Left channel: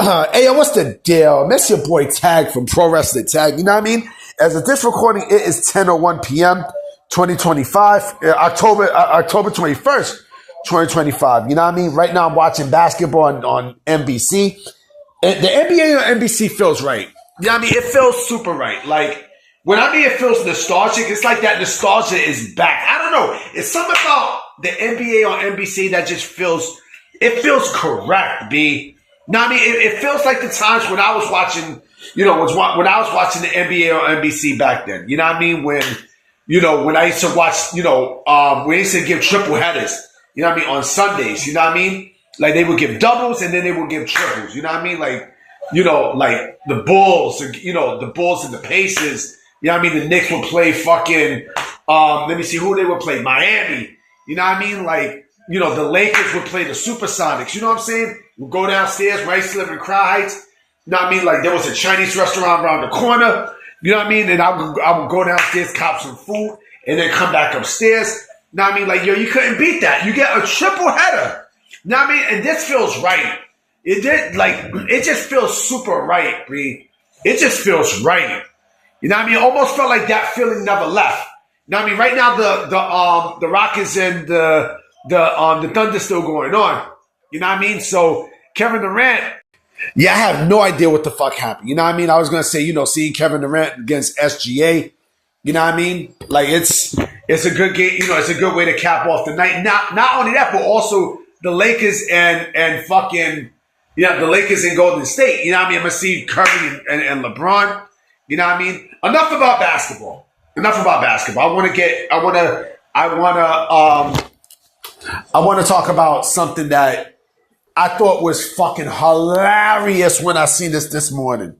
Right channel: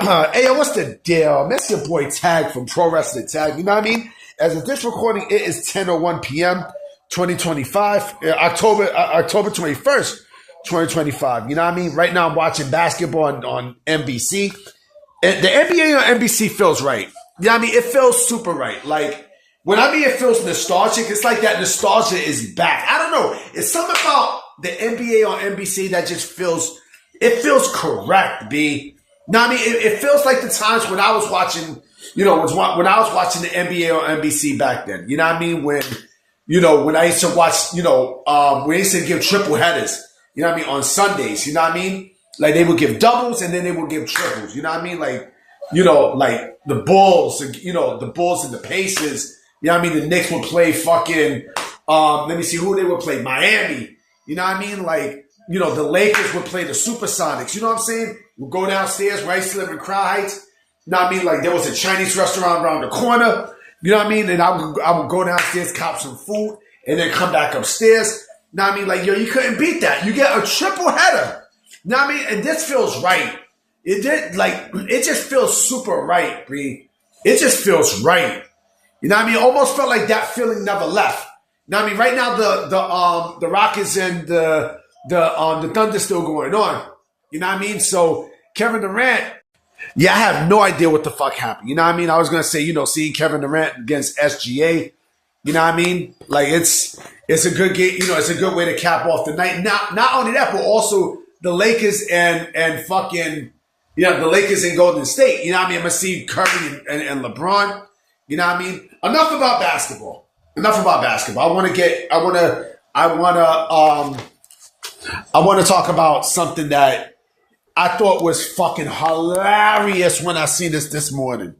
Hey, yo, what's the deal? That's your boy Tag from Pro Wrestling Tag. You know what I mean? As of this recording, it is 10:01 p.m., 2025, October 21st, 2025. You know what I mean? Right now, I'm watching basketball on NBC. And the NBA on NBC feels right. You know what I mean? It feels super right. Like, when I mean it feels nostalgic, it's like that nostalgia is back. I don't know. It's something about the NBA on NBC that just feels correct, B. No, I mean, it feels like the times when I was watching, when I was watching the NBA on NBC back then. You know what I mean? When I used to watch, we used to give triple headers, you know what I mean, on Sundays, you know what I mean? Like, they would give doubles and then they would give triples, you know what I mean? Like, like the Bulls, the Bulls and the Pacers, you know what I mean? The Knicks would play fucking, let me see who they would play, Miami, you know what I mean? Like, the Lakers would play the Supersonics. You know what I'm saying? We'd go downstairs where I used to live in Crown Heights. You know what I mean? Like, there was a Chinese restaurant around the corner. You know what I mean? And I would go downstairs, cop some food, and then come back upstairs. You know what I mean? Like, you couldn't beat that. You get a triple header. You know what I mean? And this feels right. It just feels super right, Bree. It just feels right. You know what I mean? It almost felt like that feeling never left. You know what I mean? Right now, the Rockets and the Thunder's still going on. You know what I mean? So Kevin Durant, I have no idea what the fuck happened. You know what I mean? I was gonna say, seeing Kevin Durant against SGA, you know what I mean? Like, it's a good game, it's a good way to cap off the night. Not only that, but also the Lakers and fucking, the Lakers and Golden State. You know what I mean? I'm gonna see Curry and LeBron. You know what I mean? Enough about basketball. I want to talk about something that I thought was fucking hilarious when I seen this morning.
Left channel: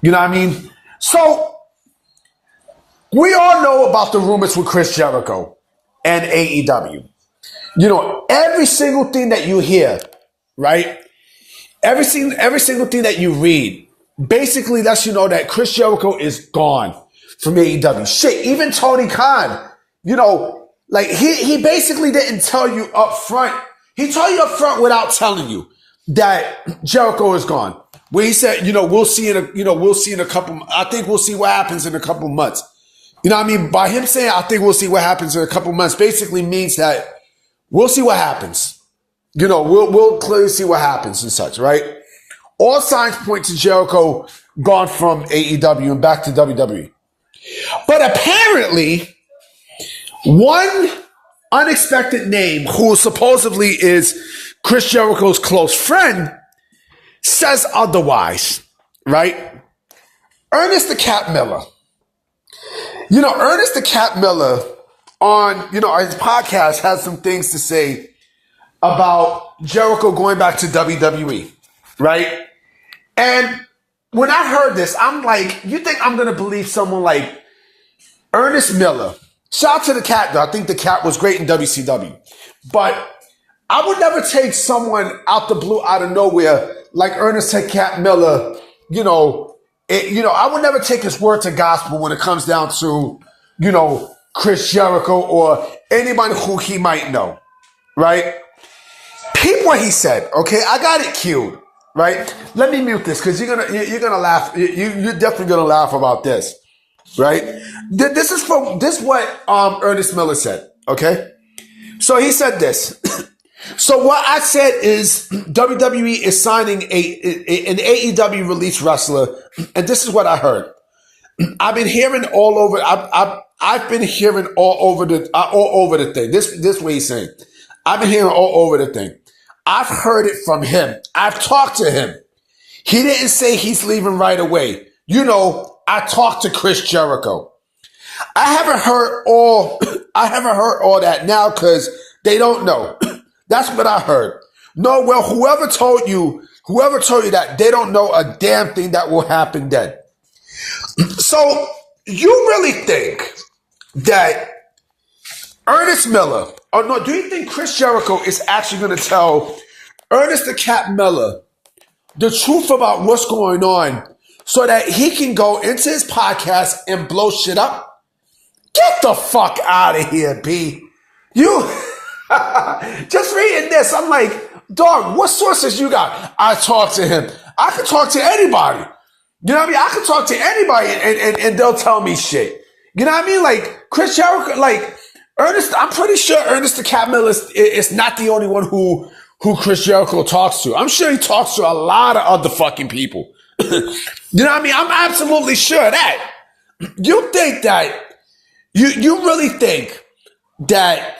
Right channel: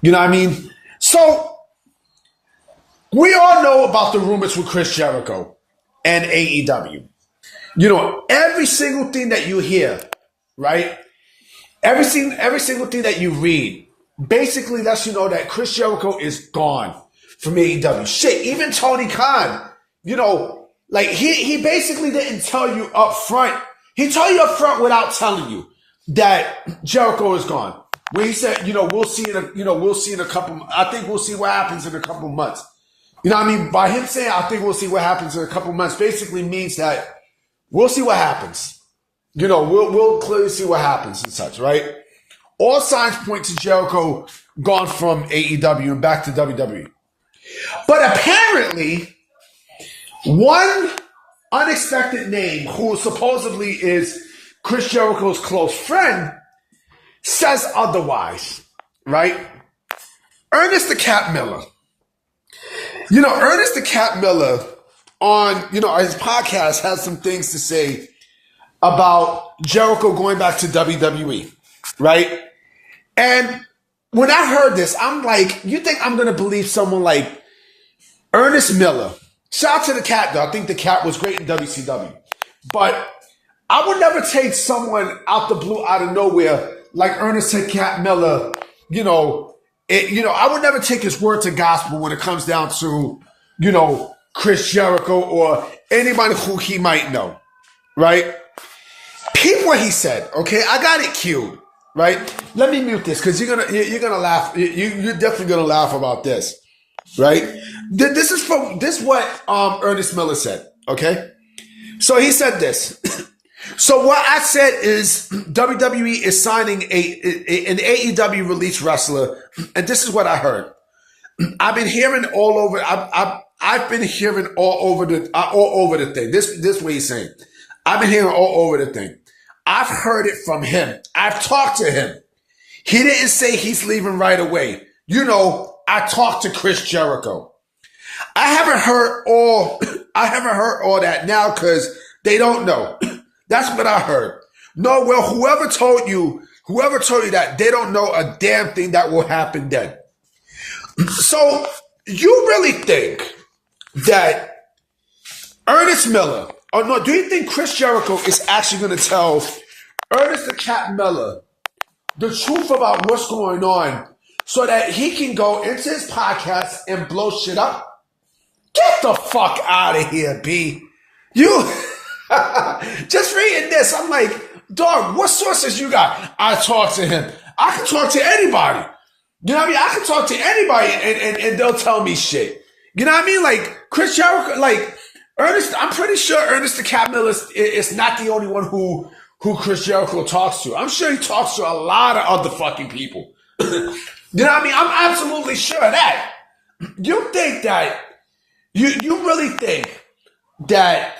You know what I mean? So, we all know about the rumors with Chris Jericho and AEW. Every single thing that you hear, right? Every single thing that you read, basically lets you know that Chris Jericho is gone from AEW. Shit, even Tony Khan, like, he basically didn't tell you up front. He told you up front without telling you that Jericho is gone. Where he said, we'll see in a couple. I think we'll see what happens in a couple months. You know what I mean? By him saying, I think we'll see what happens in a couple months, basically means that we'll see what happens. We'll clearly see what happens and such, right? All signs point to Jericho gone from AEW and back to WWE. But apparently, one unexpected name, who supposedly is Chris Jericho's close friend, says otherwise, right? Ernest the Cat Miller. Ernest the Cat Miller on, his podcast has some things to say about Jericho going back to WWE, right? And when I heard this, I'm like, you think I'm going to believe someone like Ernest Miller? Shout out to the Cat, though. I think the Cat was great in WCW. But I would never take someone out the blue, out of nowhere, like Ernest the Cat Miller. I would never take his word to gospel when it comes down to, Chris Jericho or anybody who he might know, right? Peep what he said, okay? I got it cued, right? Let me mute this because you're gonna laugh. You're definitely gonna laugh about this, right? This is what Ernest Miller said, okay? So he said this. So what I said is WWE is signing an AEW release wrestler, and this is what I heard. I've been hearing all over. I've been hearing all over the thing. This way he's saying. I've been hearing all over the thing. I've heard it from him. I've talked to him. He didn't say he's leaving right away. I talked to Chris Jericho. I haven't heard all that now because they don't know. That's what I heard. No, well, whoever told you that, they don't know a damn thing that will happen then. So you really think that Ernest Miller, or no, do you think Chris Jericho is actually going to tell Ernest the Cat Miller the truth about what's going on so that he can go into his podcast and blow shit up? Get the fuck out of here, B. You just reading this, I'm like, dog, what sources you got? I talked to him. I can talk to anybody. You know what I mean? I can talk to anybody and they'll tell me shit. You know what I mean? Like Chris Jericho, like Ernest, I'm pretty sure Ernest the Cat Miller is not the only one who Chris Jericho talks to. I'm sure he talks to a lot of other fucking people. You know what I mean? I'm absolutely sure of that. You think that, you really think that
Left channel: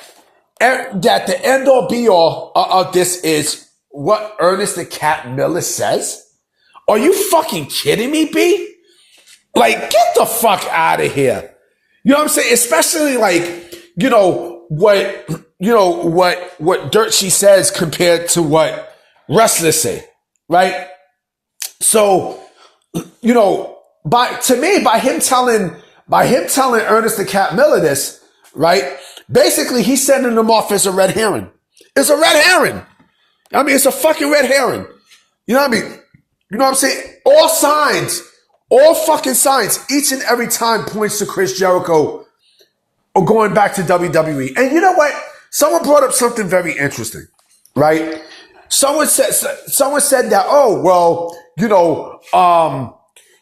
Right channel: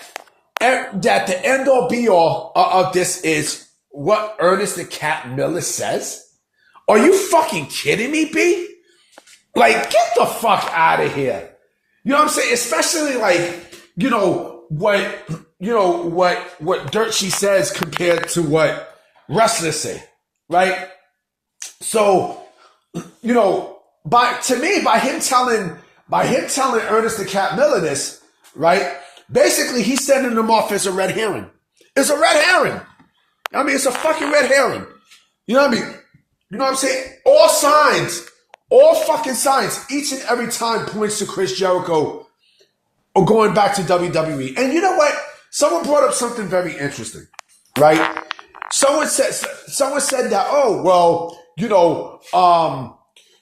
the end all be all of this is what Ernest the Cat Miller says? Are you fucking kidding me, B? Like, get the fuck out of here. You know what I'm saying? Especially like, what Dirt She says compared to what wrestlers say, right? So, by him telling Ernest the Cat Miller this, right? Basically, he's sending them off as a red herring. It's a red herring. I mean, it's a fucking red herring. You know what I mean? You know what I'm saying? All fucking signs, each and every time points to Chris Jericho or going back to WWE. And you know what? Someone brought up something very interesting, right? Someone said that,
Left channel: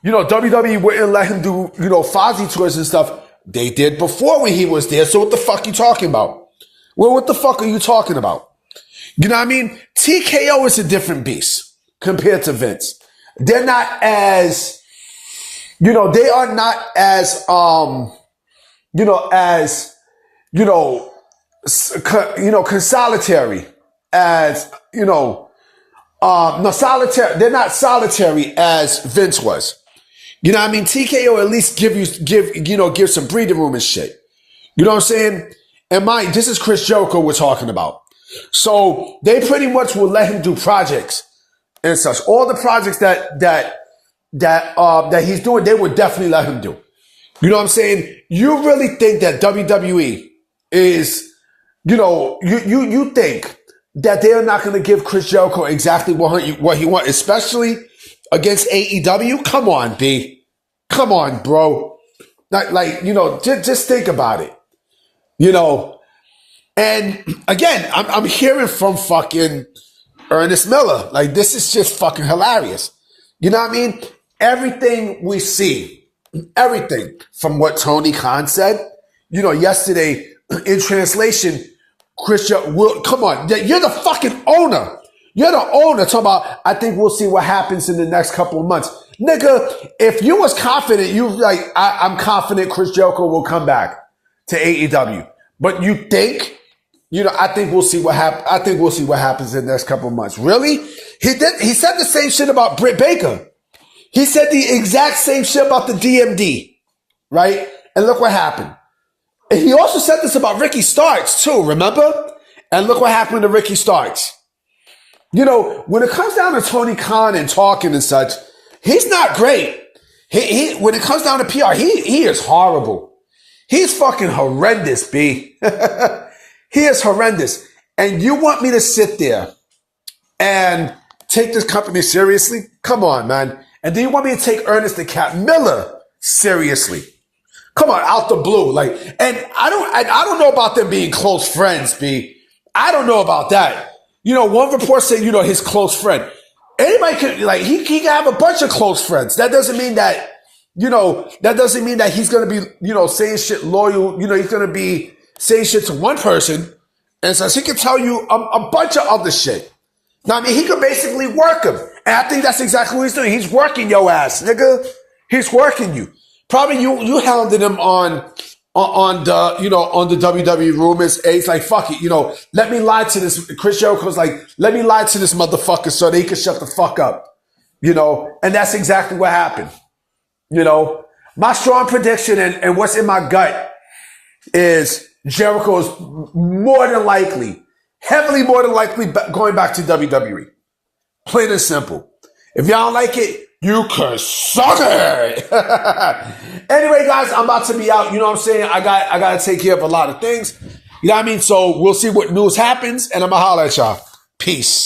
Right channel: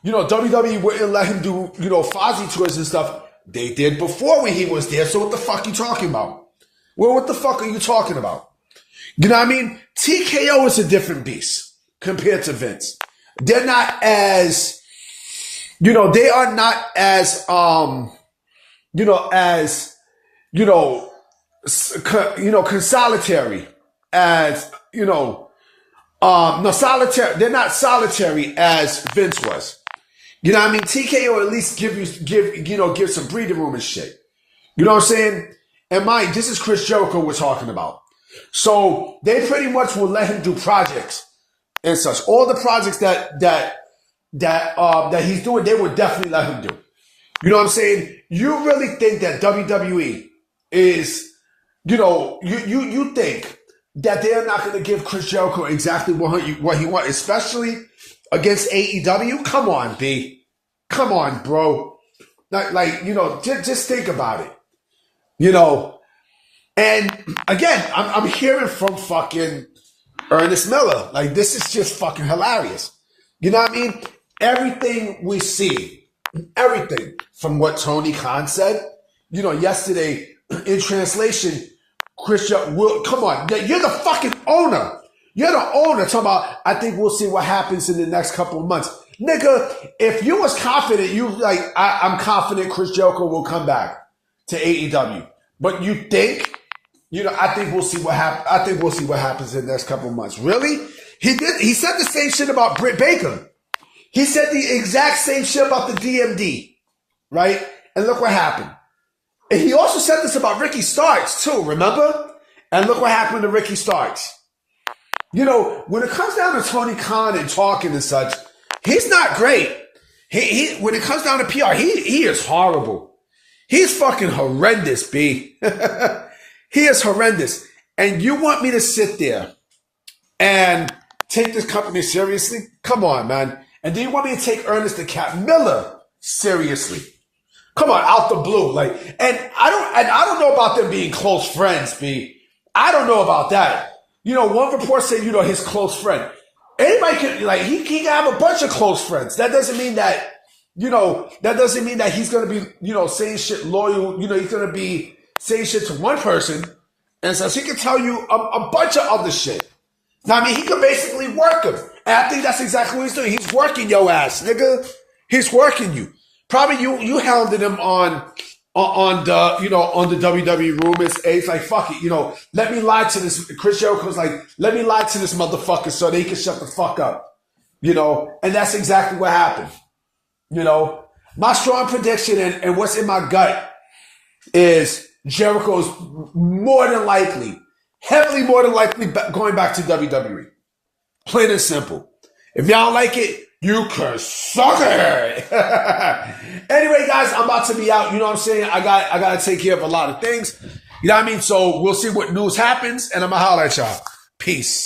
WWE wouldn't let him do, Fozzy tours and stuff. They did before when he was there. So what the fuck you talking about? Well, what the fuck are you talking about? You know what I mean? TKO is a different beast compared to Vince. They're not as, they are not as, consolatory as, solitary. They're not solitary as Vince was. You know what I mean? TKO at least give some breathing room and shit. You know what I'm saying? And this is Chris Jericho we're talking about. So they pretty much will let him do projects and such. All the projects that he's doing, they would definitely let him do. You know what I'm saying? You really think that WWE is, you think that they're not going to give Chris Jericho exactly what he wants, especially against AEW? Come on, B. Come on, bro. Just think about it. And again, I'm hearing from fucking Ernest Miller. Like, this is just fucking hilarious. You know what I mean? Everything we see, everything from what Tony Khan said, yesterday in translation, Chris Jericho, come on, you're the fucking owner. You're the owner. Talking about, I think we'll see what happens in the next couple of months. Nigga, if you was confident, I'm confident Chris Jericho will come back to AEW. But you think, I think we'll see what happens. I think we'll see what happens in the next couple of months. Really? He said the same shit about Britt Baker. He said the exact same shit about the DMD. Right? And look what happened. And he also said this about Ricky Starks too, remember? And look what happened to Ricky Starks. When it comes down to Tony Khan and talking and such, he's not great. He when it comes down to PR, he is horrible. He's fucking horrendous, B. He is horrendous. And you want me to sit there and take this company seriously? Come on, man. And do you want me to take Ernest the Cat Miller seriously? Come on, out the blue. And I don't know about them being close friends, B. I don't know about that. One report said, his close friend. Anybody could, he can have a bunch of close friends. That doesn't mean that, he's going to be, saying shit loyal. He's going to be saying shit to one person. And so he can tell you a bunch of other shit. Now, I mean, he could basically work him. And I think that's exactly what he's doing. He's working your ass, nigga. He's working you. Probably you hounded him on the WWE rumors. And he's like, fuck it, let me lie to this. Chris Jericho's like, let me lie to this motherfucker so that he can shut the fuck up. And that's exactly what happened. My strong prediction and what's in my gut is Jericho's more than likely, heavily more than likely going back to WWE. Plain and simple. If y'all don't like it, you can suck it. Anyway, guys, I'm about to be out. You know what I'm saying? I got to take care of a lot of things. You know what I mean? So we'll see what news happens, and I'm going to holler at y'all. Peace.